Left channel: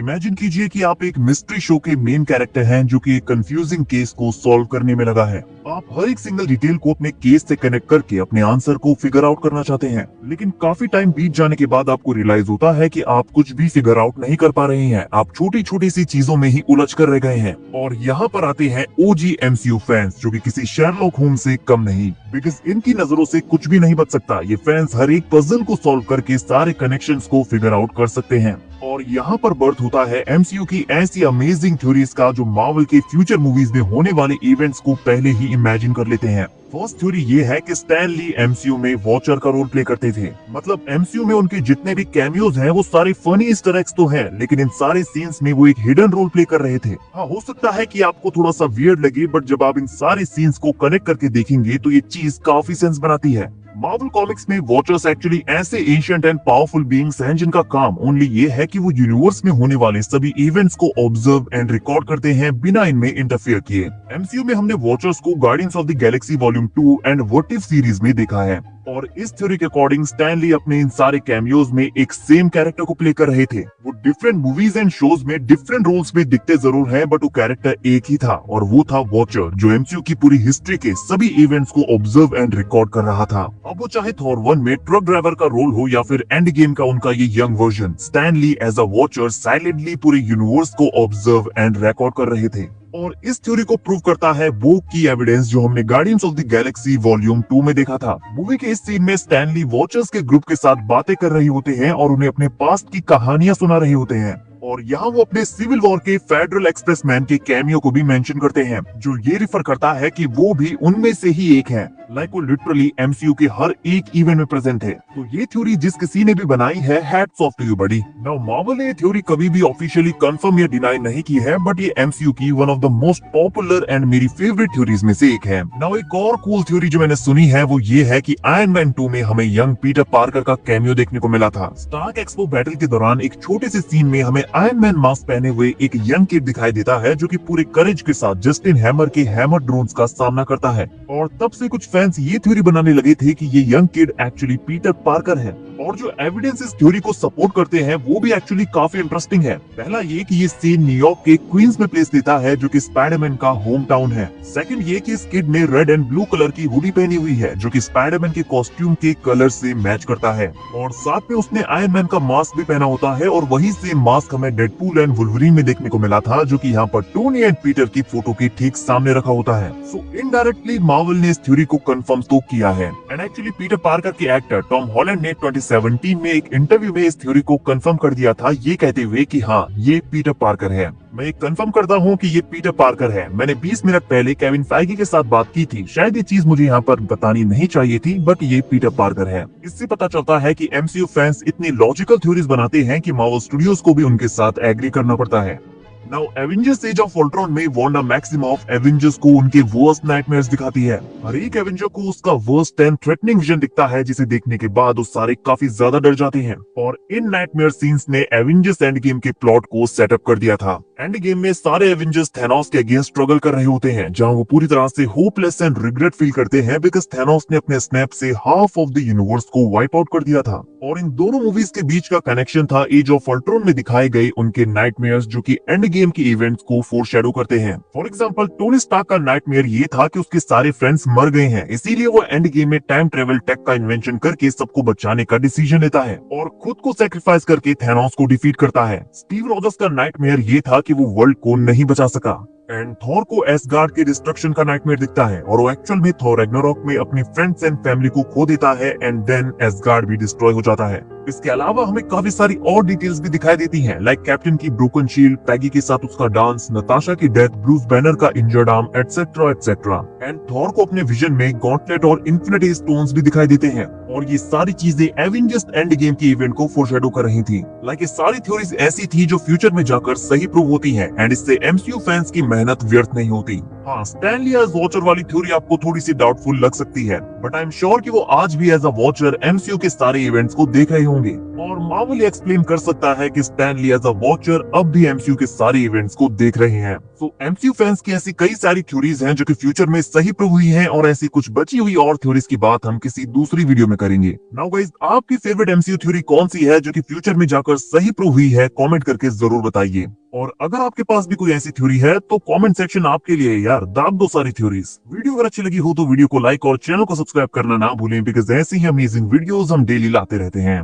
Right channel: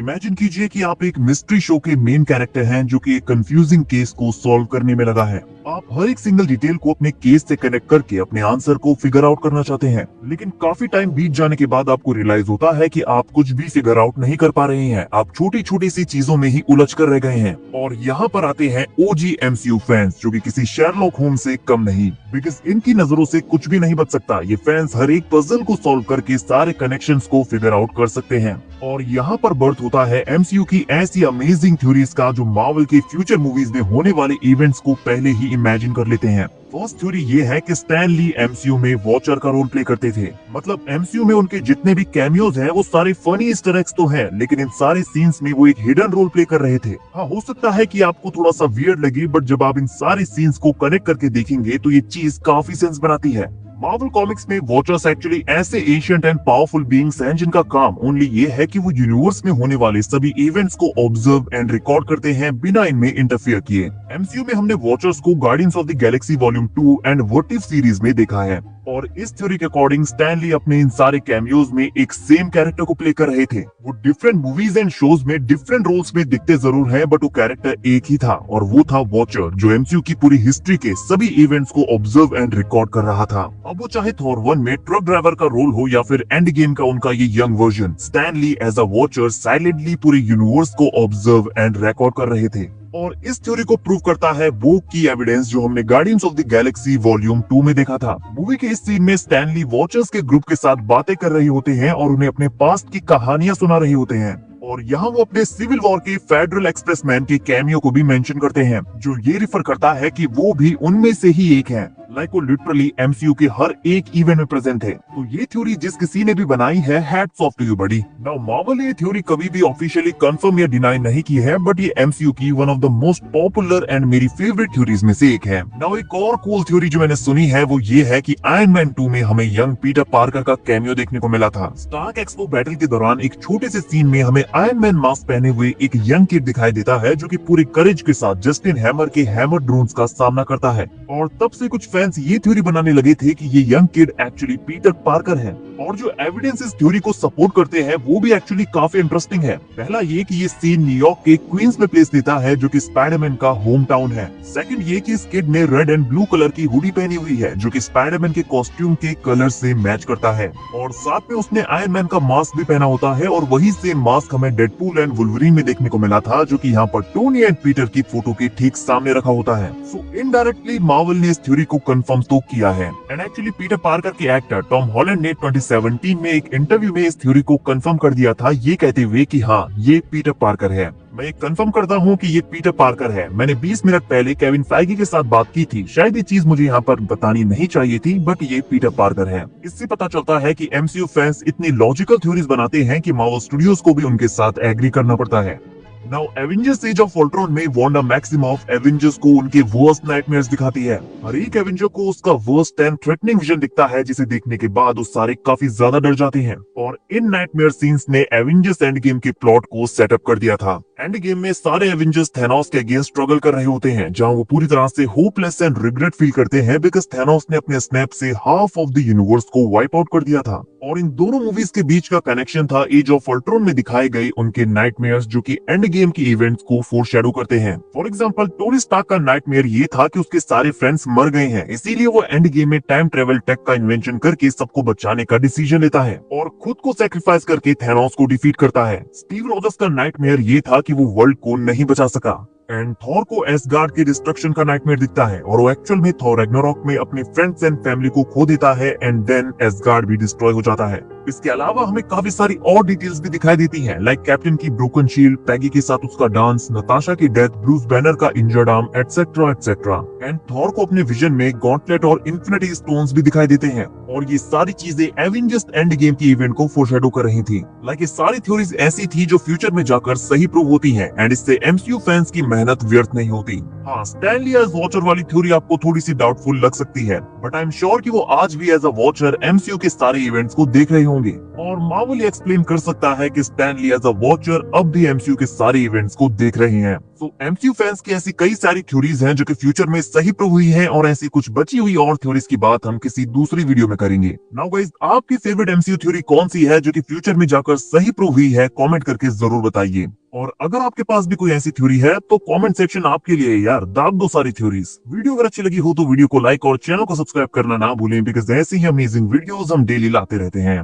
Imagine कीजिए कि आप एक मिस्ट्री शो के मेन कैरेक्टर हैं जो कि एक कंफ्यूजिंग केस को सॉल्व करने में लगा है। आप हर एक सिंगल डिटेल को अपने केस से कनेक्ट करके अपने आंसर को फिगर आउट करना चाहते हैं, लेकिन काफी टाइम बीत जाने के बाद आपको रियलाइज होता है कि आप कुछ भी फिगर आउट नहीं कर पा रहे हैं। आप छोटी छोटी सी चीजों में ही उलझ कर रह गए हैं। और यहाँ पर आते हैं ओजी एमसीयू फैंस, जो कि किसी शेरलॉक होम्स से कम नहीं, बिकॉज इनकी नजरों से कुछ भी नहीं बच सकता। ये फैंस हर एक पजल को सॉल्व करके सारे कनेक्शंस को फिगर आउट कर सकते हैं। और यहाँ पर बर्थ होता है एमसीयू की ऐसी अमेजिंग थ्योरीज का, जो मार्वल के फ्यूचर मूवीज में होने वाले इवेंट्स को पहले ही इमेजिन कर लेते हैं। फर्स्ट थ्योरी ये है कि स्टैन ली एमसीयू में वॉचर का रोल प्ले करते थे। मतलब एमसीयू में उनके जितने भी कैमियोज हैं वो सारे फनी ईस्टर एग्स तो हैं, लेकिन इन सारे सीन्स में वो एक हिडन रोल प्ले कर रहे थे। हाँ, हो सकता है कि आपको थोड़ा सा वियर्ड लगे, बट जब आप इन सारे सीन्स को कनेक्ट करके देखेंगे तो ये चीज काफी सेंस बनाती है। मार्वल कॉमिक्स में वॉचर्स एक्चुअली ऐसे एशियंट एंड पावरफुल बीइंग्स हैं जिनका काम ओनली ये है कि वो यूनिवर्स में होने वाले सभी इवेंट्स को ऑब्जर्व एंड रिकॉर्ड करते हैं बिना इनमें इंटरफेयर किए। एमसीयू में हमने वॉचर्स को guardians of the Galaxy volume 2 and what if series में देखा है। और इस थ्योरी के अकॉर्डिंग स्टैन ली अपने इन सारे कैमियोज में एक सेम कैरेक्टर को प्ले कर रहे थे। वो डिफरेंट मूवीज एंड शोज में डिफरेंट रोल्स में दिखते जरूर हैं, बट वो कैरेक्टर एक ही था, और वो था वॉचर, जो एमसीयू की पूरी हिस्ट्री के सभी इवेंट्स को ऑब्जर्व एंड रिकॉर्ड कर रहा था। अब वो चाहे थॉर 1 में ट्रक ड्राइवर का रोल हो या फिर एंड गेम का उनका ये young version, Stan Lee as a watcher silently पूरे यूनिवर्स को ऑब्जर्व एंड रिकॉर्ड कर रहे थे। और इस थ्योरी को प्रूव करता है वो की एविडेंस जो हमने guardians of the Galaxy volume 2 में देखा था। मूवी के इस सीन में स्टैन ली वॉचर्स के ग्रुप के साथ बातें कर रहे होते हैं और उन्हें अपने पास्ट की कहानियां सुना रहे होते हैं। और यहाँ वो अपने सिविल वॉर के फेडरल एक्सप्रेसमैन के कैमियो को भी मेंशन करते हैं, जो ये रिफर करता है कि वो भी उनमें से ही एक है। लाइक वो लिटरली एमसीयू के हर एक इवेंट में प्रेजेंट है। तो ये थ्योरी जिस किसी ने भी बनाई है, hats off to you buddy. Now Marvel ने ये थ्योरी कभी भी ऑफिशियली कंफर्म या डिनाई नहीं की है, बट ये एमसीयू की one of the most popular and मेरी फेवरेट थ्योरीज में से एक है। नाउ एक और कूल थ्योरी जो मैंने सुनी है वो ये है कि आयरन मैन 2 में हमें यंग पीटर पार्कर का कैमियो देखने को मिला था। स्टार्क एक्सपो बैटल के दौरान एक छोटे से सीन में हमें आयरन मैन मास्क पहने हुए एक यंग किड दिखाई देता है, जो कि पूरी करेज के साथ जस्टिन हैमर के हैमर ड्रोन्स का सामना करता है। और तब से कुछ फैंस ये थ्योरी बनाने लगे थे कि ये young kid actually Peter Parker है। और जो एविडेंस इस थ्योरी को सपोर्ट करते हैं वो भी एक्चुअली काफी इंटरेस्टिंग है। पहला ये कि ये सीन न्यूयॉर्क के क्वींस में प्लेस लेता है, जो कि स्पाइडरमैन का होम टाउन है। सेकंड ये कि इस किड ने रेड एंड ब्लू कलर की हुडी पहनी हुई है, जो कि स्पाइडरमैन के कॉस्ट्यूम के कलर से मैच करता है। और साथ में उसने आयरन मैन का मास्क भी पहना होता है, और वही सेम मास्क हमें डेडपूल एंड वुल्वरीन में देखने को मिला था, जो कि यहाँ पर टोनी एंड पीटर की फोटो के ठीक सामने रखा होता है। सो इनडायरेक्टली मार्वल ने इस थ्योरी को कंफर्म तो किया है। एंड एक्चुअली पीटर पार्कर के एक्टर टॉम हॉलैंड ने 2017 में एक इंटरव्यू में इस थ्योरी को कंफर्म कर दिया था, ये कहते हुए कि हाँ, ये पीटर पार्कर है। मैं एक कंफर्म करता हूँ कि ये पीटर पार्कर है। मैंने 20 मिनट पहले केविन फाइगी के साथ बात की थी। शायद ये चीज मुझे यहाँ पर बतानी नहीं चाहिए थी, बट ये पीटर पार्कर है। इससे पता चलता है कि एमसीयू फैंस इतनी लॉजिकल थ्योरीज बनाते हैं कि मार्वल स्टूडियोज को भी उनके साथ एग्री करना पड़ता है। Now Avengers age of Ultron में वांडा मैक्सिमॉफ एवेंजर्स को उनके वर्स्ट नाइटमेयर्स दिखाती है। हर एक एवेंजर को उसका वर्स्ट एंड थ्रेटनिंग विजन दिखता है, जिसे देखने के बाद वो सारे काफी ज्यादा डर जाते हैं। और इन नाइटमेयर सीन्स ने एवेंजर्स एंड गेम के प्लॉट को सेटअप कर दिया था। एंड गेम में सारे एवेंजर्स थैनोस के अगेंस्ट स्ट्रगल कर रहे होते हैं, जहां वो पूरी तरह से होपलेस एंड रिग्रेट फील करते हैं, बिकॉज थैनोस ने अपने स्नैप से हाफ ऑफ द यूनिवर्स को वाइप आउट कर दिया था। और इन दोनों मूवीज के बीच का कनेक्शन था एज ऑफ अल्ट्रॉन में दिखाए गए उनके नाइटमेयर्स, जो कि एंड गेम के इवेंट्स को फोरशैडो करते हैं। फॉर एग्जांपल टोनी स्टार्क का नाइटमेयर ये था कि उसके सारे फ्रेंड्स मर गए हैं, इसीलिए वो एंड गेम में टाइम ट्रेवल टेक का इन्वेंशन करके सबको बचाने का डिसीजन लेता है और खुद को सैक्रिफाइस करके थैनोस को डिफीट करता है। स्टीव रॉजर्स का नाइटमेयर ये था कि वो वर्ल्ड को नहीं बचा सका। एंड थॉर को एसगार्ड के डिस्ट्रक्शन का नाइटमेयर दिखता है, और वो एक्चुअल में थॉर रैग्नारोक में अपनी फ्रेंड्स एंड फैमिली को खो देता है, एंड देन एसगार्ड भी डिस्ट्रॉय हो जाता है। इसके अलावा हमें काफी सारी और डिटेल्स भी दिखाई देती हैं, लाइक कैप्टन की ब्रोकन शील्ड, पैगी के साथ उसका डांस, नताशा की डेथ, ब्रूस बैनर का injured arm, etcetera etcetera. And Thor को अपने विजन में गॉन्टलेट और इन्फिनिटी स्टोन्स भी दिखाई देते हैं, और ये सारी चीजें एवेंजर्स एंड गेम की इवेंट को फोरशैडो कर रही थी। लाइक ये सारी थ्योरीज ऐसी थी जो फ्यूचर में जाकर सही प्रूव होती हैं, एंड इससे एमसीयू फैंस की मेहनत व्यर्थ नहीं होती। हाँ, स्टैन ली एज वॉचर वाली थ्योरी आपको थोड़ी सी डाउटफुल लग सकती है, बट आई एम श्योर कि वो आज भी एज अ वॉचर एमसीयू के सारे इवेंट्स को देख रहे होंगे और मार्वल एक्सप्लेन कर सकता है कि Stan Lee as a watcher अब भी एमसीयू के सारे इवेंट्स को देख रहे हैं। तो एमसीयू फैंस की ऐसी कई सारी थ्योरीज हैं जो कि फ्यूचर में सही प्रूव हुई हैं और ऐसी कुछ बची हुई और थ्योरीज की बात हम किसी दूसरी वीडियो में करेंगे। नाउ गाइस, आपकी फेवरेट एमसीयू थ्योरी कौन सी है जो कि फ्यूचर में जाकर सही प्रूव हुई है? कमेंट करके जरूर बताइए। और अगर आपके पास भी कोई ऐसी थ्योरी है तो कमेंट सेक्शन आपके लिए है यार, दाग दो सारी थ्योरीज। वीडियो अगर अच्छी लगी हो तो वीडियो को लाइक और चैनल को सब्सक्राइब करना ना भूलें, बिकॉज ऐसी ही अमेजिंग वीडियोस हम डेली लाते रहते हैं।